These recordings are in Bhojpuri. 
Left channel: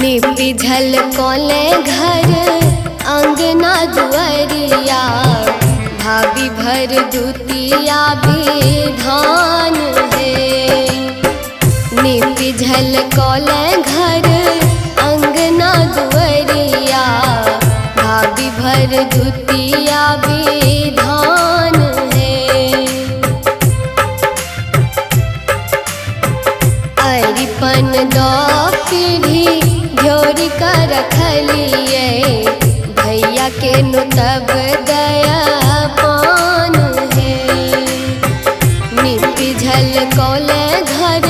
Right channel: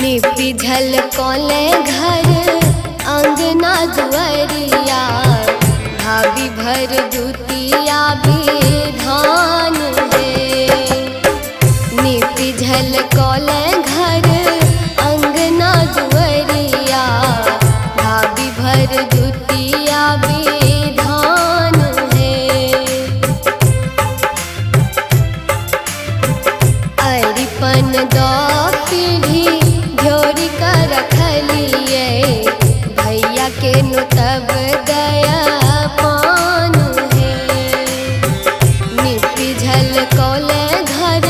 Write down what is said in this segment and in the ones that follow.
निपी झलकोले घर अंगना दुआरिया, भाभी भर दुतिया विधान है। निपी झलकोले घर अंगना दुआरिया, भाभी भर दुतिया विधान है। अरिपन दो पीढ़ी झोरी कर रखलिए, भैया के नुतब दया पान है। निपी झलकोले घर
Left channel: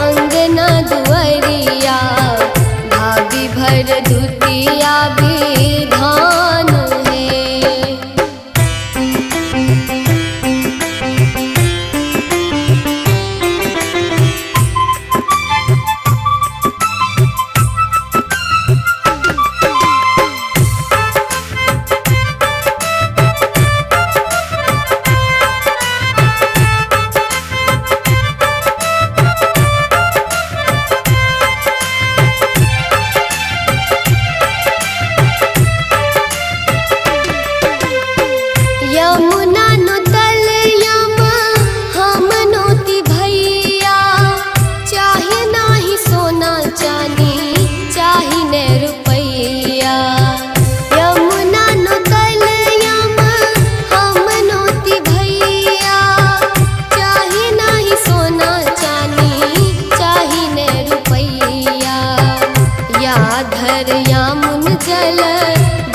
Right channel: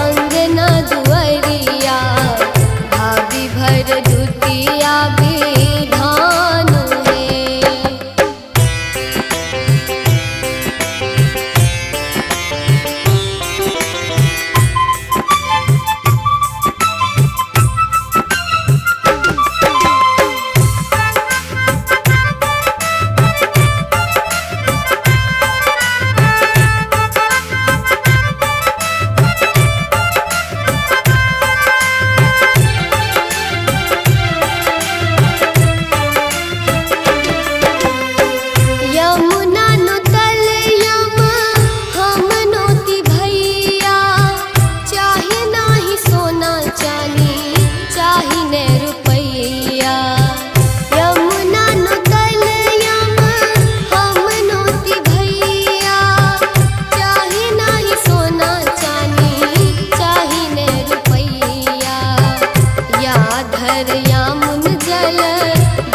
अंगना दुआरिया, भाभी भर दुतिया विधान है। यमुना नुतल यम हम नोती भैया, चाहे नाही सोना चानी चाहे न रुपैया। यमुना नुतल यम हम नोती भैया, चाहे नाही सोना चानी चाहे न रुपैया। या धर यामुन जल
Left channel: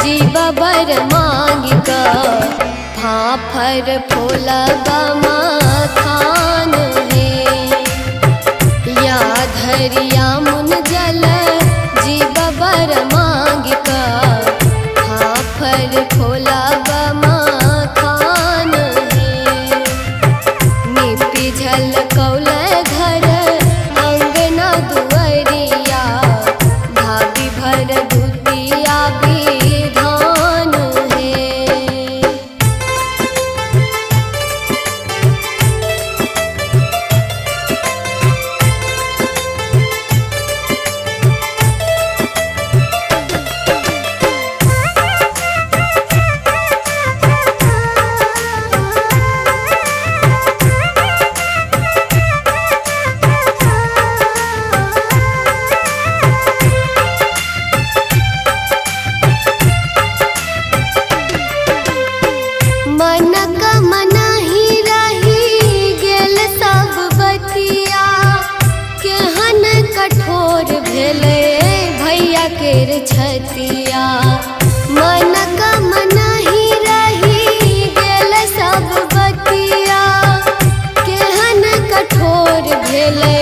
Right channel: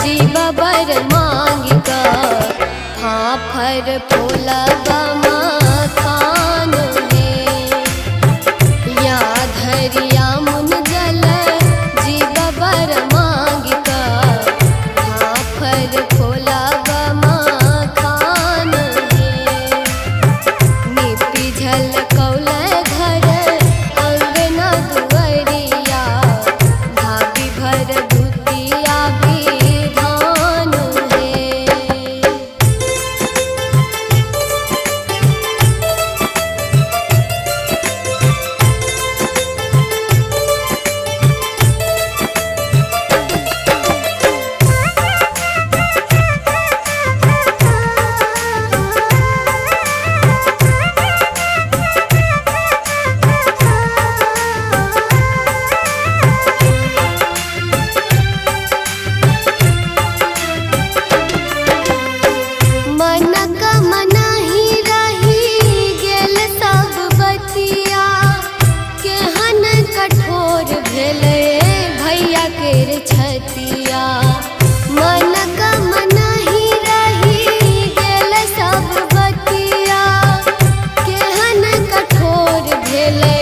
जीव बर मांग का, फाफर फूलब मखान है। या धरिया मुन जल जीव बर मांग का, फाफर फूलब मखान है। निपी झलकोले घर अंगना दुआरिया, भाभी भर दुतिया विधान है। मन का मना ही रही गेल सब बतिया, केहन कठोर भेले भैया केर छतिया। मन का मना ही रही गेल सब बतिया, केहन कठोर भेले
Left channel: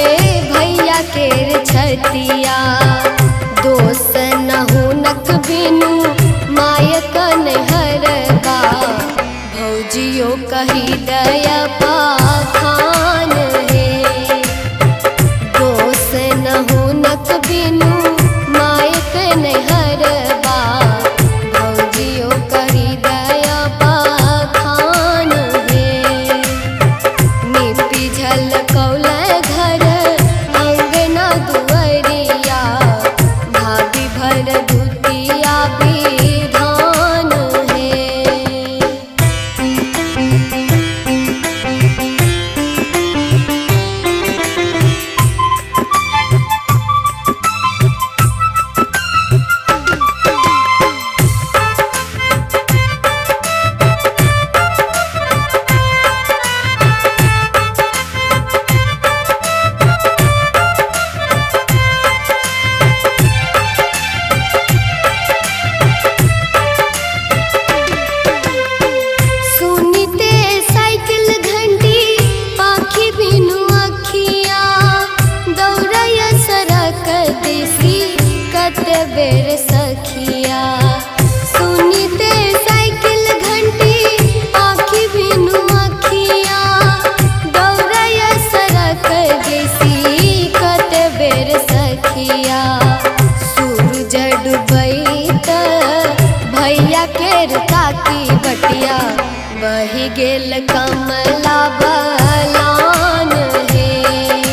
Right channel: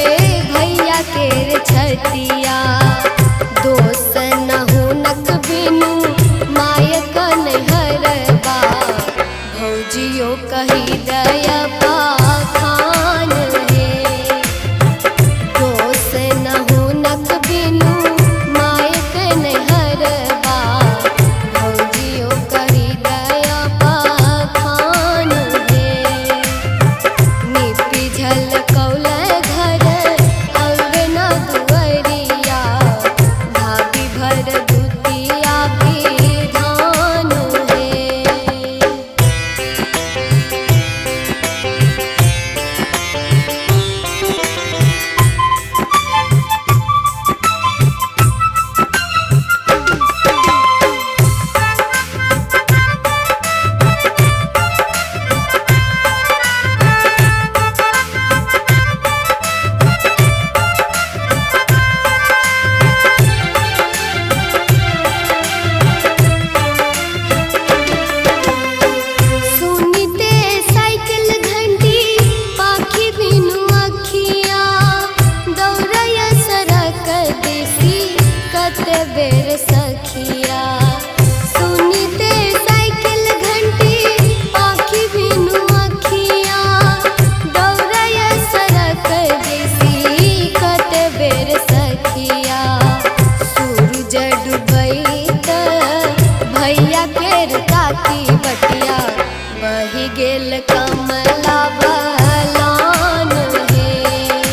भैया केर छतिया। दोष न हुनक बिनु मायक नैहरबा, भौजियो कही दया पाखान है। दोष न हुनक बिनु मायक नैहरबा, भौजियो कही दया पाखान है। निपी झलकोले घर अंगना दुआरिया, भाभी भर दुतिया विधान है। बेर सखिया सुनीते साइकिल घंटी आँखी बिनु अखिया दौड़य सड़क देसी कत बेर सखिया सूरज डूबैत भैया केर ताकी बटिया बही गेल कमला बलान हे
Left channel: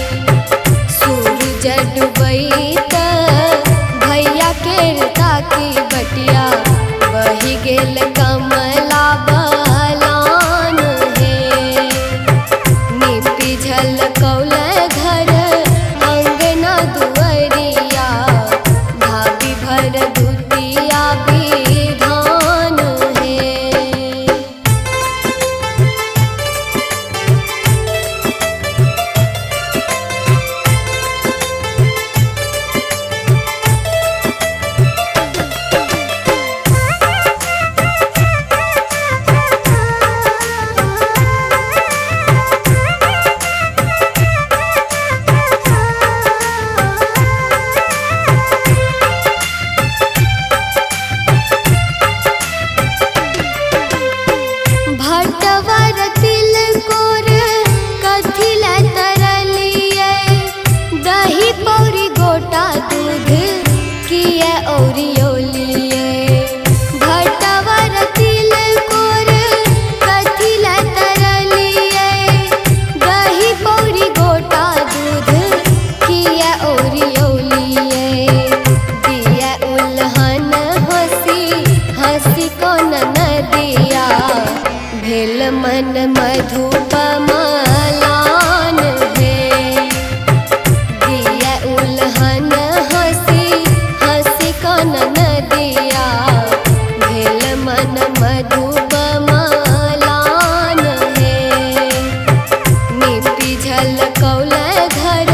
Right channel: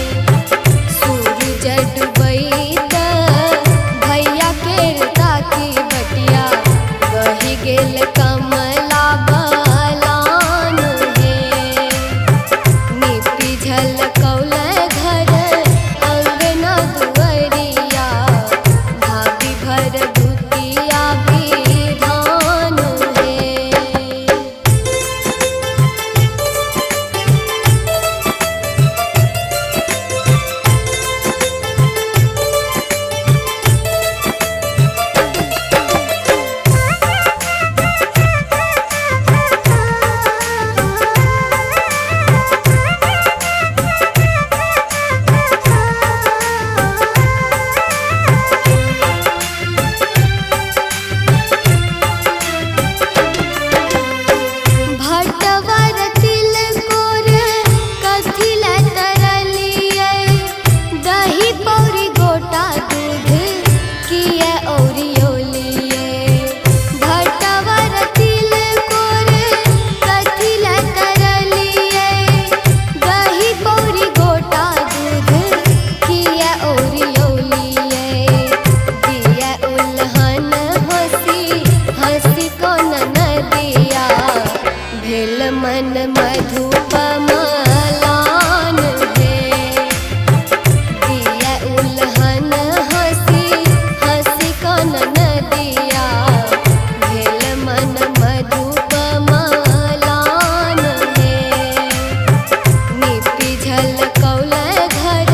सूरज डूबैत घटिया बही गेल कमला बलान हे निपी झलकौल घर अंगना दुअरिया भाभी भर दुतिया विधान हे। भटवर तिलकोर कथिला तरलिए दही पौरी गोटा दूध किए औरियोलिए। भटवर तिलकोर कथिला तरलिए दही पौरी गोटा दूध किए औरियोलिए। दिया उल्हन हंसी हंसी कौन नदिया भेल मन मधुप मलान हे दिया उल्हन हंसी हंसी कौन नदिया भेल मन मधुप मलान हे निपी झलकौल घर